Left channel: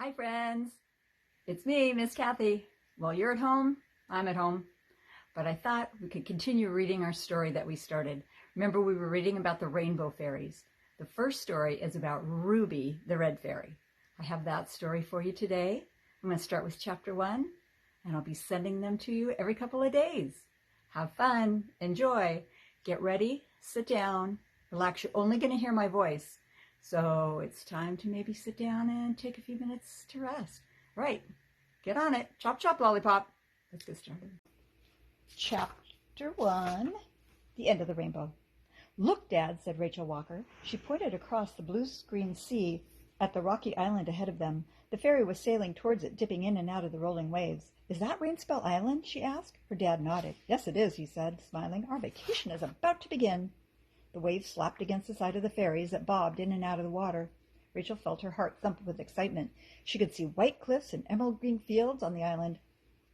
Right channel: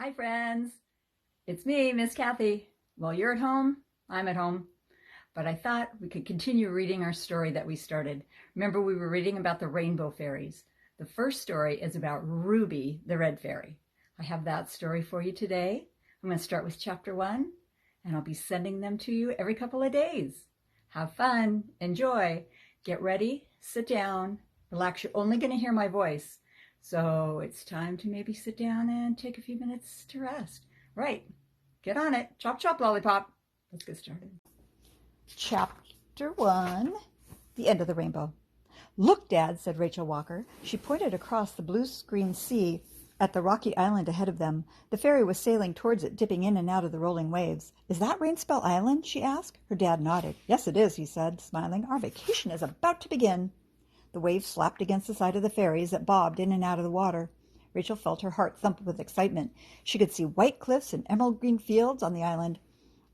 Hi, friends. It's me, Miss Kathy. Well, you're at home. I'm at home. But I thought we could continue reading our story that we started. Remember, we were reading about the rainbow fairies. The first story is about Ruby, the red fairy. I have that story for you today. I'm going to start with chapter 1, and I'll be sending them to you every couple of days. Have fun. Enjoy. Get ready. Sit down. Relax. You're only going to hear my voice. So it's time to maybe sit down and take a few minutes to rest. Right. Get on it. Chop, chop, lollipop. Let's get started. Chapter 1, The End of the Rainbow. "Look, Dad," said Rachel Walker. She pointed across the blue-green sea at the rocky island ahead of them. The ferry was sailing towards it, dipping in and out of the rolling waves. "Is that Rainspell Island?" she asked. Her dad nodded. "Yes, it is," he said, smiling. "Our vacation is about to begin." The waves slapped against the side of the ferry as it bobbed in and out of the water. Rachel felt her heart thump with excitement. She could see white cliffs and emerald green fields on the island,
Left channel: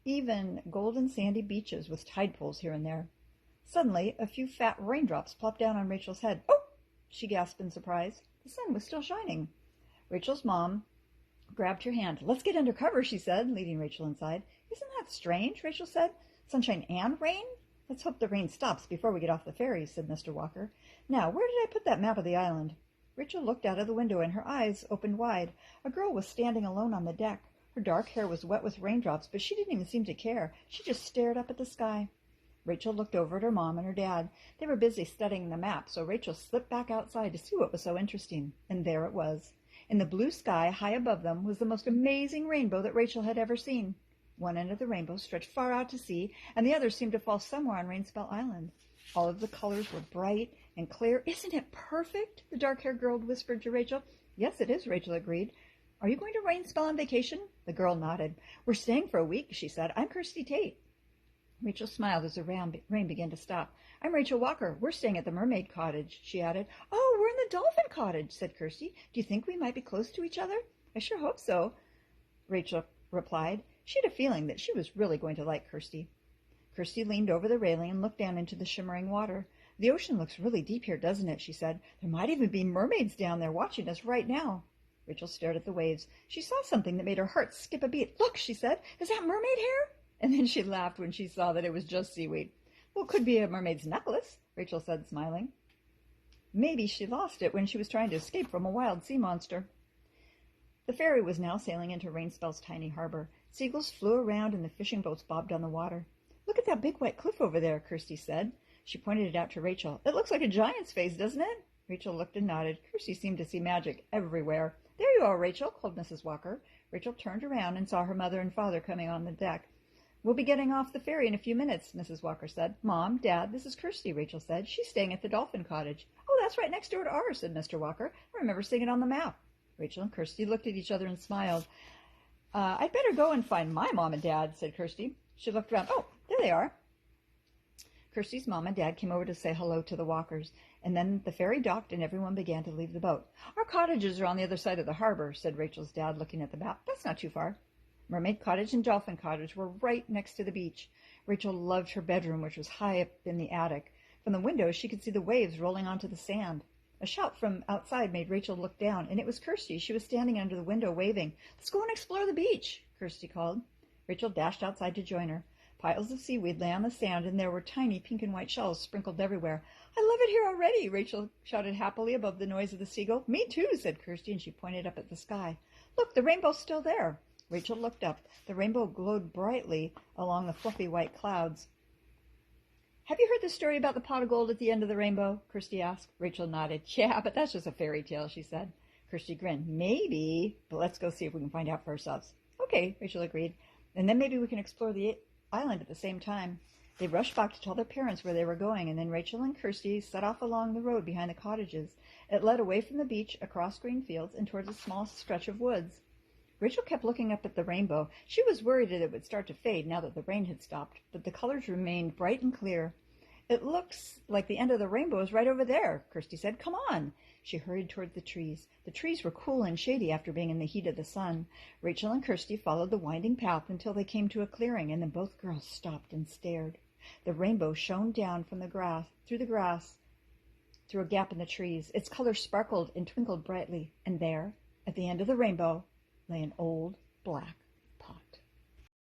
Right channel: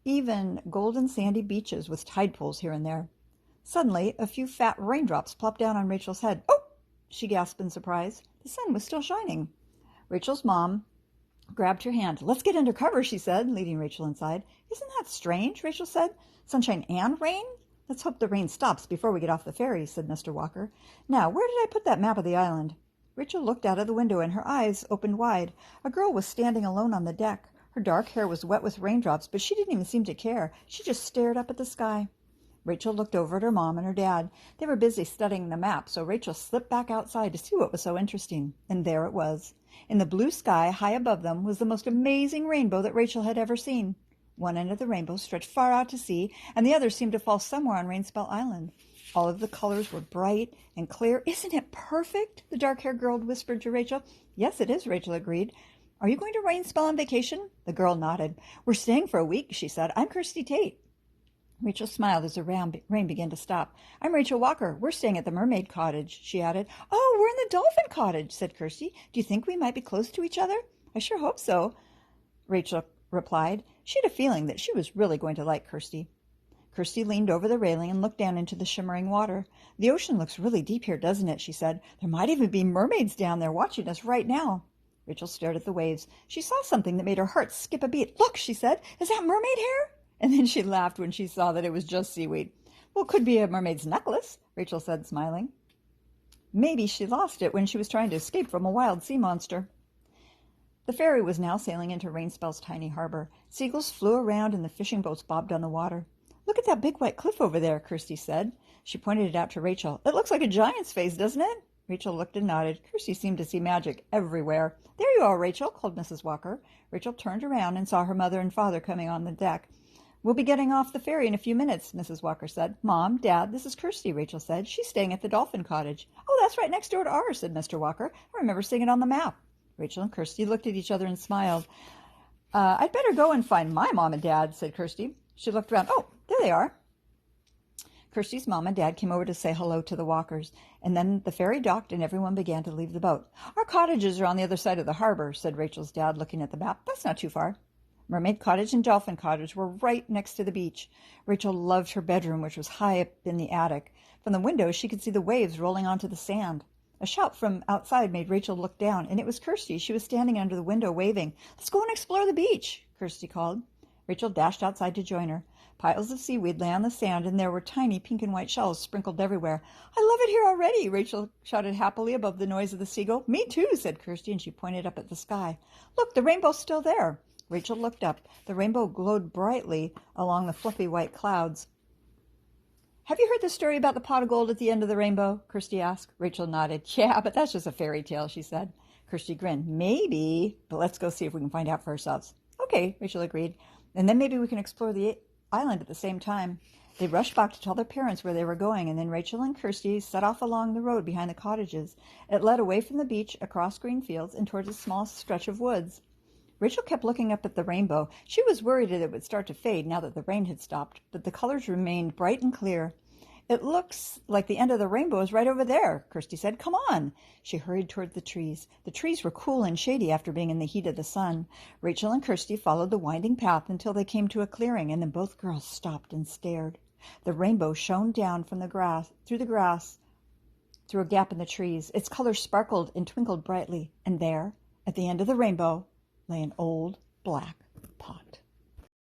even golden sandy beaches with tide pools here and there. Suddenly, a few fat raindrops plopped down on Rachel's head. "Oh!" she gasped in surprise. The sun was still shining. Rachel's mom grabbed her hand. "Let's get under cover," she said, leading Rachel inside. "Isn't that strange?" Rachel said. "Sunshine and rain? Let's hope the rain stops before we get off the ferry," said Mr. Walker. "Now, where did I put that map of the island?" Rachel looked out of the window and her eyes opened wide. A girl was standing alone on the deck. Her dark hair was wet with raindrops, but she didn't even seem to care. She just stared up at the sky. Rachel looked over at her mom and her dad. They were busy studying the map, so Rachel slipped back outside to see what was so interesting. And there it was. In the blue sky high above them was the most amazing rainbow that Rachel had ever seen. One end of the rainbow stretched far out to sea, and the other seemed to fall somewhere on Rainspell Island. All of the colors were bright and clear. "Isn't it perfect?" the dark-haired girl whispered to Rachel. "Yes, it is," Rachel agreed. "Are you going to Rainspell on vacation?" The girl nodded. "We're staying for a week," she said. "I'm Kirsty Tate." Rachel smiled as the rain began to stop. "I'm Rachel Walker. We're staying at the Mermaid Cottage," she added. "Oh, we're in the Dolphin Cottage," said Kirsty. "Do you think we might be close to each other?" "I sure hope so," Rachel replied. She had a feeling that she was really going to like Kirsty. Kirsty leaned over the railing and looked down into the shimmering water. "The ocean looks really deep here, doesn't it?" she said. "There might even be mermaids down there watching us right now." Rachel stared at the waves. She saw something that made her heart skip a beat. "Look," she said. "Is that mermaid hair?" And then she laughed when she saw that it was just seaweed. "Well, it could be a mermaid's necklace," Rachel said, smiling. "Maybe she lost it when she was trying to escape from a wild sea monster." The ferry was now sailing into Rainspell's tiny harbor. Seagulls flew around and the fishing boats bobbed on the water. "Look at that big white cliff over there," Kirsty said. She pointed it out to Rachel. "It looks like a giant's face, doesn't it?" Rachel looked and nodded. Kirsty seemed to see magic everywhere. "There you are, Rachel," called Mrs. Walker. Rachel turned around and saw her mother and father coming on the deck. "We'll be getting off the ferry in a few minutes," Mrs. Walker said. "Mom, Dad, this is Kirsty," Rachel said. "She's staying at the Dolphin Cottage." "Oh, that's right next door to ours," said Mr. Walker. "I remember seeing it on the map." Rachel and Kirsty looked at each other and smiled. I'd better go and find my mom and dad," said Kirsty. She looked around. "Oh, there they are." Kirsty's mom and dad came over to say hello to the Walkers, and then the ferry docked and everyone began to leave the boat. "Our cottages are on the other side of the harbor," said Rachel's dad, looking at the map. "That's not too far." Mermaid Cottage and Dolphin Cottage were right next to the beach. Rachel loved her bedroom, which was high up in the attic. From the window, she could see the waves rolling onto the sand. A shout from outside made Rachel look down, and it was Kirsty. She was standing under the window, waving. "Let's go and explore the beach," Kirsty called. Rachel dashed outside to join her. Piles of seaweed lay on the sand, and there were tiny pink and white shells sprinkled everywhere. "I love it here already," Rachel shouted happily above the noise of the seagull. "Me too," said Kirsty, and she pointed up at the sky. "Look, the rainbow's still there." Rachel looked up. The rainbow glowed brightly along the fluffy white clouds. "Have you heard the story about the pot of gold at the end of the rainbow?" Kirsty asked. Rachel nodded. "Yeah, but that's just a fairy tale," she said. Kirsty grinned. "Maybe, but let's go see if we can find out for ourselves." "Okay," Rachel agreed. "And then maybe we can explore the island at the same time." They rushed back to tell their parents where they were going, and then Rachel and Kirsty set off along the road behind the cottages. It led away from the beach, across green fields, and towards a small stretch of woods. Rachel kept looking up at the rainbow. She was worried that it would start to fade now that the rain had stopped, but the colors remained bright and clear. "It looks like the end of the rainbow is right over there," Kirsty said. "Come on." She hurried toward the trees. The trees were cool and shady after being in the heat of the sun. Rachel and Kirsty followed the winding path until they came to a clearing, and then both girls stopped and stared. The rainbow shone down from the grass, through a gap in the trees. Its colors sparkled and twinkled brightly, and there, at the end of the rainbow, lay an old black